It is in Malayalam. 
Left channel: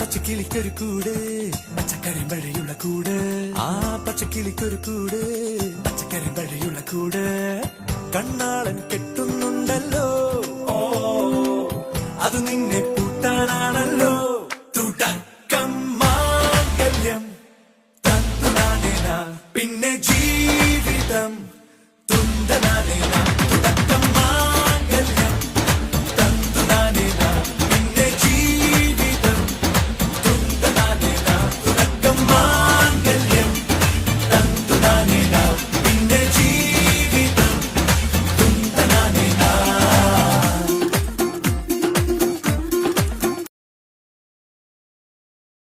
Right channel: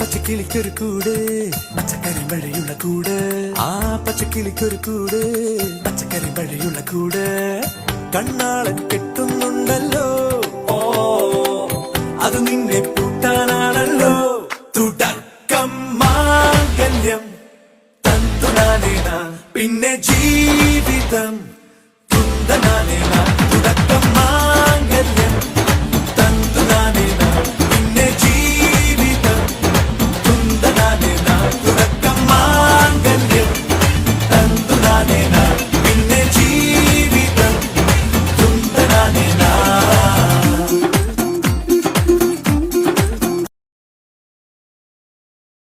പച്ചക്കിളിക്കൊരു കൂട് പച്ചക്കറി മഴയുള്ള കൂട് ആ പച്ചക്കിളിക്കൊരു കൂട് പച്ചക്കറി മഴയുള്ള കൂട് കണ്ണാളൻ കെട്ടുന്നുണ്ടല്ലോ അത് നിന്നെ